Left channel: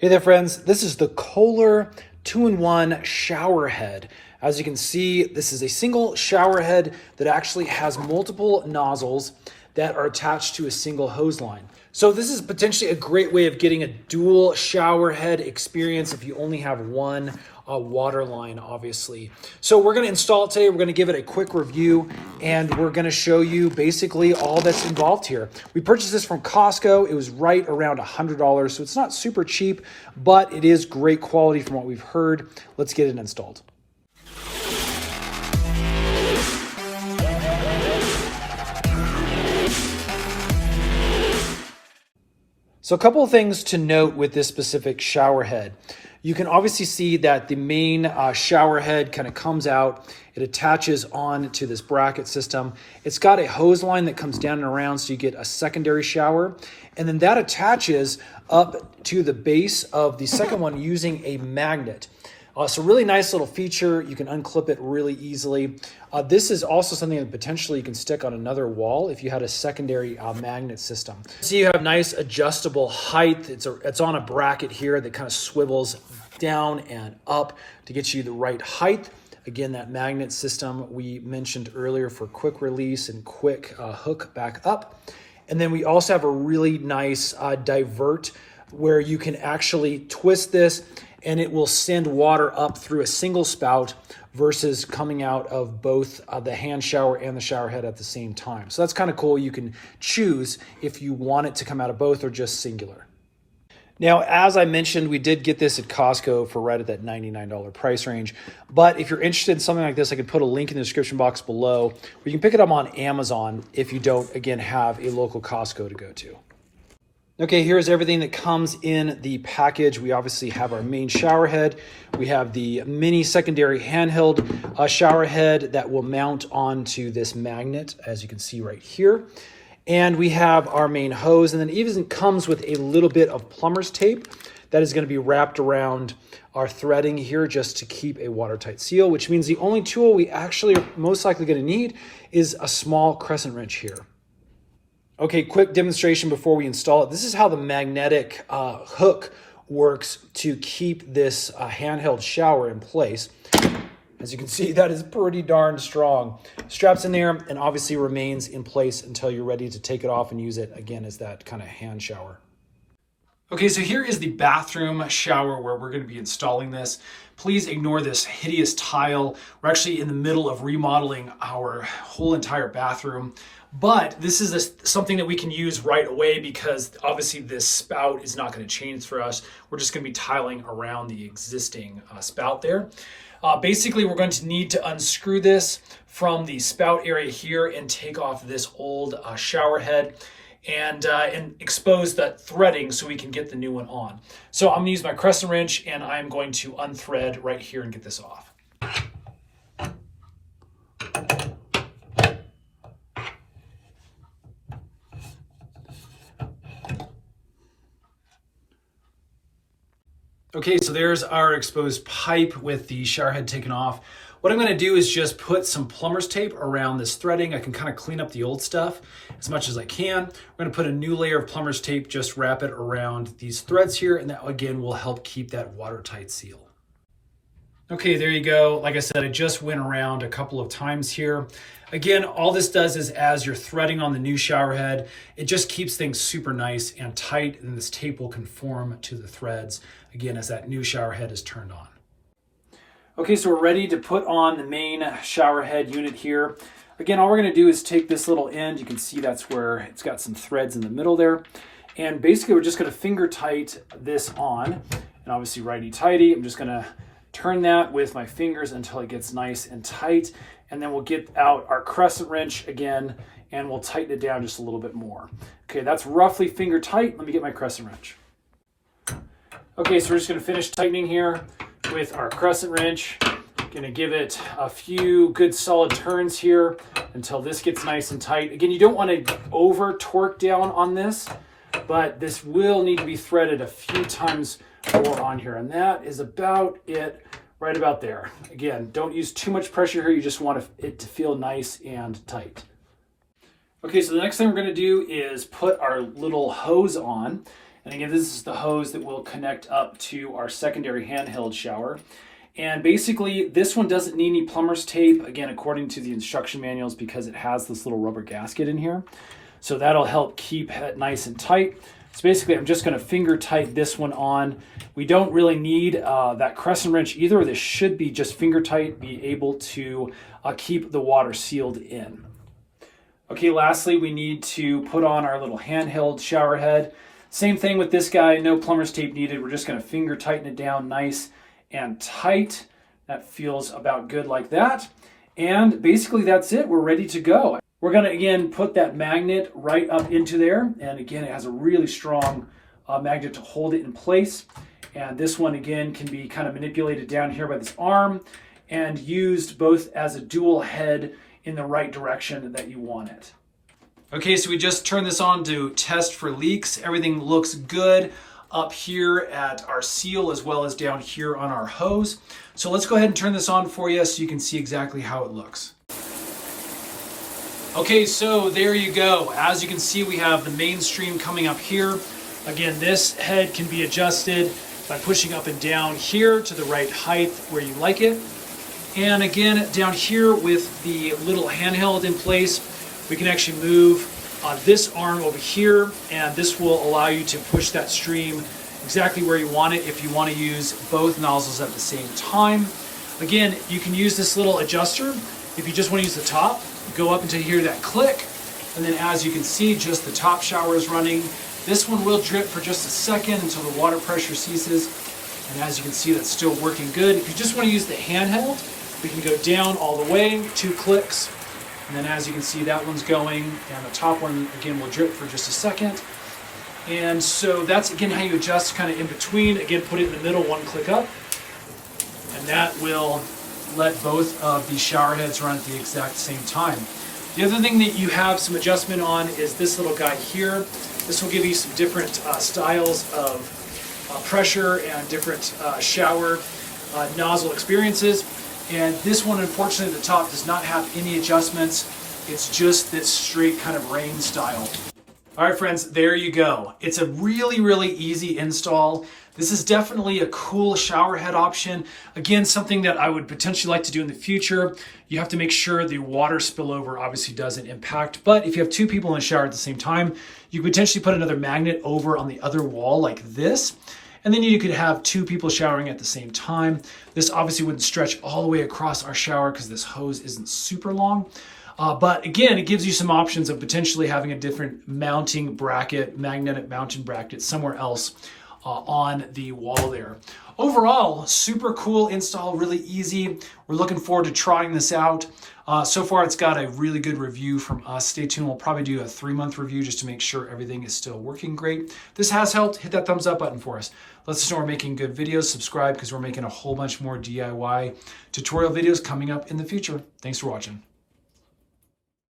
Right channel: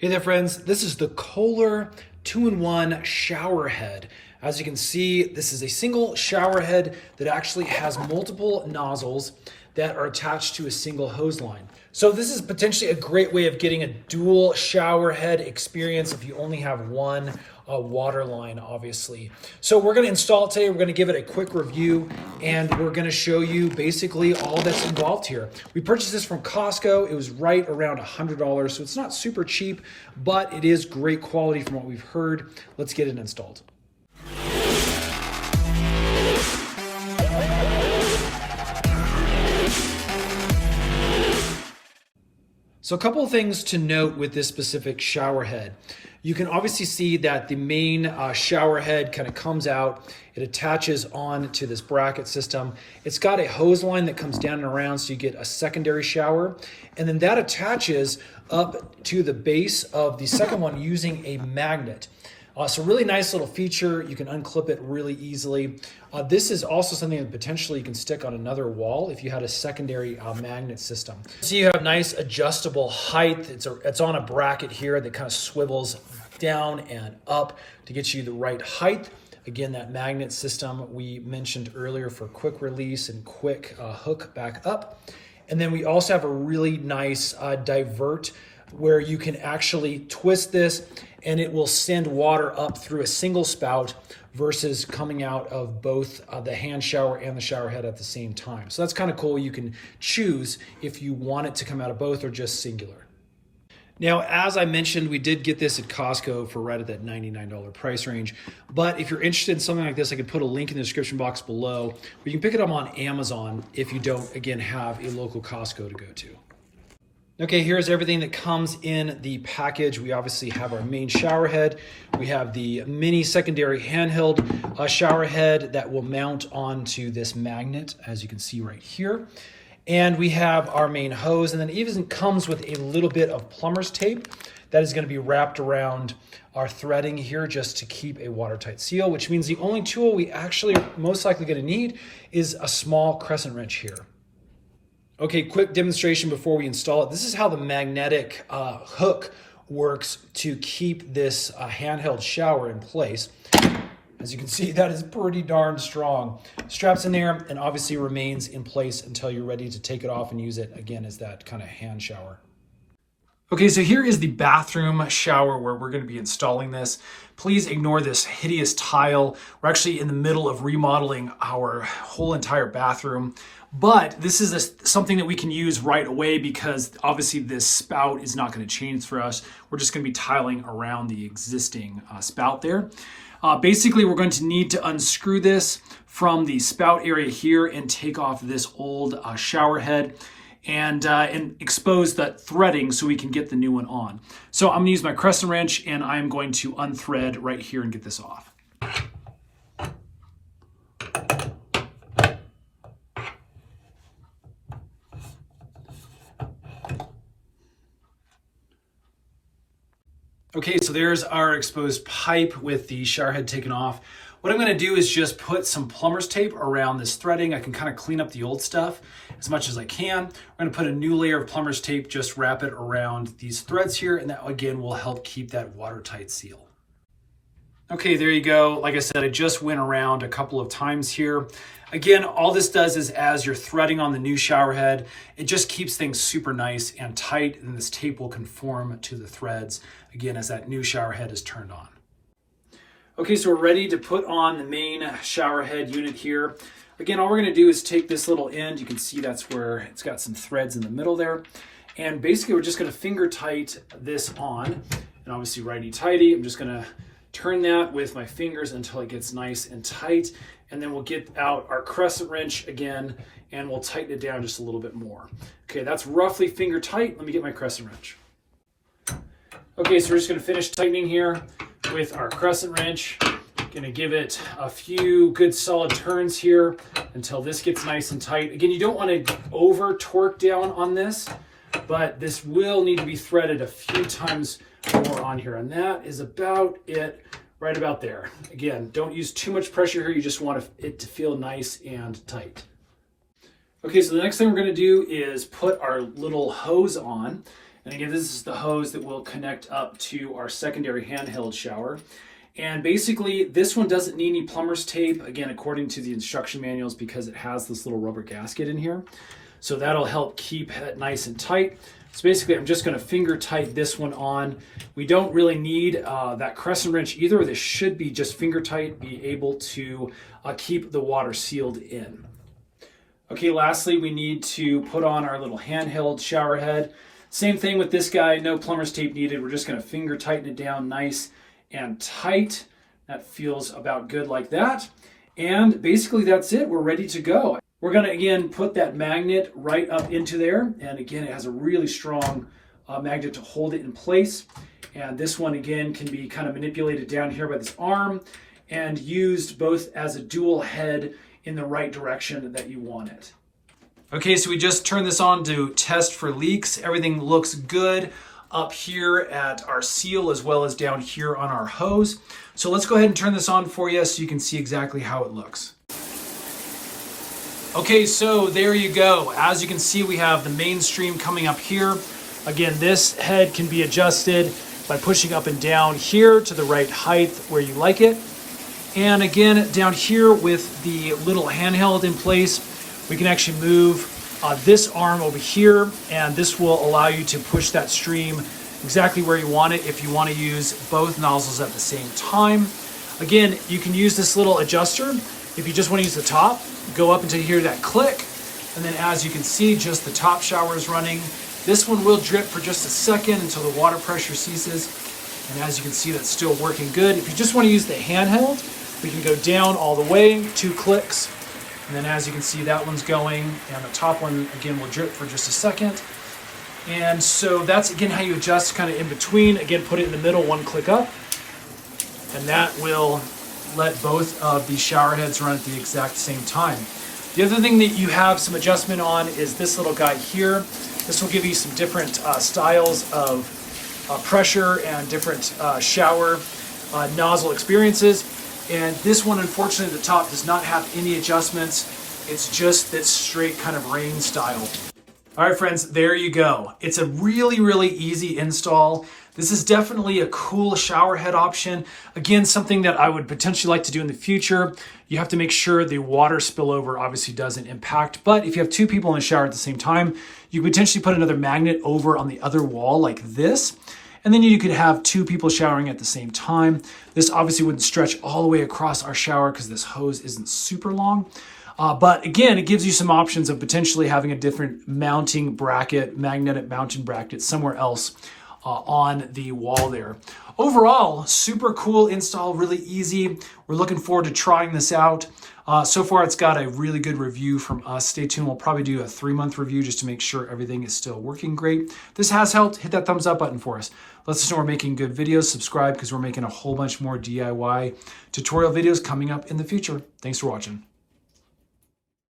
Hey there friends, this is the Kohler 2-in-1 shower head. As you can see, this is a single shower head that actually has multiple nozzles that are attached to a single hose line. So this is potentially a great way of getting a dual shower head experience if you only have one water line, obviously. So we're gonna install it today. We're gonna give it a quick review and we're gonna show you basically all that's involved here. We purchased this from Costco. It was right around $100, so it's not super cheap, but it is great quality from what we've heard. Let's get it installed. So a couple of things to note with this specific shower head. You can obviously see that the main shower head kind of comes out. It attaches on to this bracket system. It's got a hose line that comes down and around so you get a secondary shower. And then that attaches up to the base of the second one using a magnet. So really nice little feature. You can unclip it really easily. This is also something that potentially you can stick on another wall if you had a secondary magnet system. So you have nice adjustable height. It's on a bracket here that kind of swivels down and up to get you the right height. Again, that magnet system we mentioned earlier for quick release and quick hook back up. And then we also have a really nice divert where you can actually twist this and it will send water up through a single spout versus coming out of both the hand shower and the shower head at the same time. So that's kind of cool. You can choose if you want it to come out of both or just singular. Now, as I mentioned, we did get this at Costco for right at that $99 price range. But if you're interested in something like this, I can put a link in the description box below. Or you can pick it up on Amazon if you don't, again, have a local Costco to go to. Okay, here's everything that comes in the package. We obviously have our main shower head. We have the mini secondary handheld shower head that will mount onto this magnet, as you can see right here. And we have our main hose, and then it even comes with a little bit of plumber's tape that is going to be wrapped around our threading here just to keep a watertight seal, which means the only tool we actually are most likely going to need is a small crescent wrench here. Okay, quick demonstration before we install it. This is how the magnetic hook works to keep this handheld shower in place. As you can see, that is pretty darn strong. Straps in there and obviously remains in place until you're ready to take it off and use it again as that kind of hand shower. Okay, so here is the bathroom shower where we're going to be installing this. Please ignore this hideous tile. We're actually in the middle of remodeling our whole entire bathroom. But this is something that we can use right away because obviously this spout is not going to change for us. We're just going to be tiling around the existing spout there. Basically, we're going to need to unscrew this from the spout area here and take off this old shower head and expose that threading so we can get the new one on. So I'm going to use my crescent wrench and I'm going to unthread right here and get this off. Okay, so there's our exposed pipe with the shower head taken off. What I'm gonna do is just put some plumber's tape around this threading. I can kind of clean up the old stuff as much as I can. We're gonna put a new layer of plumber's tape, just wrap it around these threads here, and that again will help keep that watertight seal. Okay, there you go. Like I said, I just went around a couple of times here. Again, all this does is as you're threading on the new shower head, it just keeps things super nice and tight, and this tape will conform to the threads, again, as that new shower head is turned on. Okay, so we're ready to put on the main shower head unit here. Again, all we're gonna do is take this little end. You can see that's where it's got some threads in the middle there. And basically, we're just gonna finger tight this on, and obviously righty-tighty. I'm just gonna turn that with my fingers until it gets nice and tight. And then we'll get out our crescent wrench again and we'll tighten it down just a little bit more. Okay, that's roughly finger tight. Let me get my crescent wrench. Okay, so we're just gonna finish tightening here with our crescent wrench. Gonna give it a few good solid turns here until this gets nice and tight. Again, you don't wanna over torque down on this, but this will need to be threaded a few times more on here. And that is about it. Right about there. Again, don't use too much pressure here. You just want it to feel nice and tight. Okay, so the next thing we're going to do is put our little hose on. And again, this is the hose that will connect up to our secondary handheld shower. And basically, this one doesn't need any plumber's tape, again, according to the instruction manuals, because it has this little rubber gasket in here. So that'll help keep it nice and tight. So basically, I'm just going to finger tight this one on. We don't really need that crescent wrench either. This should be just finger tight, be able to keep the water sealed in. Okay, lastly, we need to put on our little handheld shower head. Same thing with this guy, no plumber's tape needed. We're just going to finger tighten it down nice and tight. That feels about good like that. And basically that's it. We're ready to go. We're going to, again, put that magnet right up into there. And again, it has a really strong magnet to hold it in place. And this one, again, can be kind of manipulated down here by this arm and used both as a dual head in the right direction that you want it. Okay, so we just turned this on to test for leaks. Everything looks good up here at our seal as well as down here on our hose. So let's go ahead and turn this on for you so you can see exactly how it looks. Okay, so there you go. As you can see, we have the main stream coming up here. Again, this head can be adjusted by pushing up and down here to the right height where you like it. And again, down here with the little handheld in place, we can actually move this arm over here, and this will allow you to push that stream exactly where you want it if you want to use both nozzles at the same time. Again, you can use this little adjuster. If you just want to use the top, go up until you hear that click, and then as you can see, just the top shower is running. This one will drip for just a second until the water pressure ceases, and as you can see, that's still working good. If you just want to use the handheld, we can go down all the way, 2 clicks, and then as you can see, that one's going, and the top one, again, will drip for just a second. And so that's, again, how you adjust kind of in between. Again, put it in the middle, 1 click up, and that will let both of the shower heads run at the exact same time. The other thing that you have some adjustment on is this little guy here. This will give you some different styles of pressure and different shower nozzle experiences. And this one, unfortunately, the top does not have any adjustments. It's just this straight kind of rain style. All right, friends, there you go. It's a really, really easy install. This is definitely a cool shower head option. Again, something that I would potentially like to do in the future. You have to make sure the water spillover obviously doesn't impact. But if you have 2 people in the shower at the same time, you could potentially put another magnet over on the other wall like this. And then you could have 2 people showering at the same time. This obviously wouldn't stretch all the way across our shower because this hose isn't super long. But again, it gives you some options of potentially having a different mounting bracket, magnetic mounting bracket somewhere else on the wall there. Overall, super cool install, really easy. We're looking forward to trying this out. So far, it's got a really good review from us. Stay tuned. We'll probably do a 3-month review just to make sure everything is still working great. If this has helped, hit that thumbs up button for us. Let us know we're making good videos. Subscribe because we're making a whole bunch more DIY tutorial videos coming up in the future. Thanks for watching.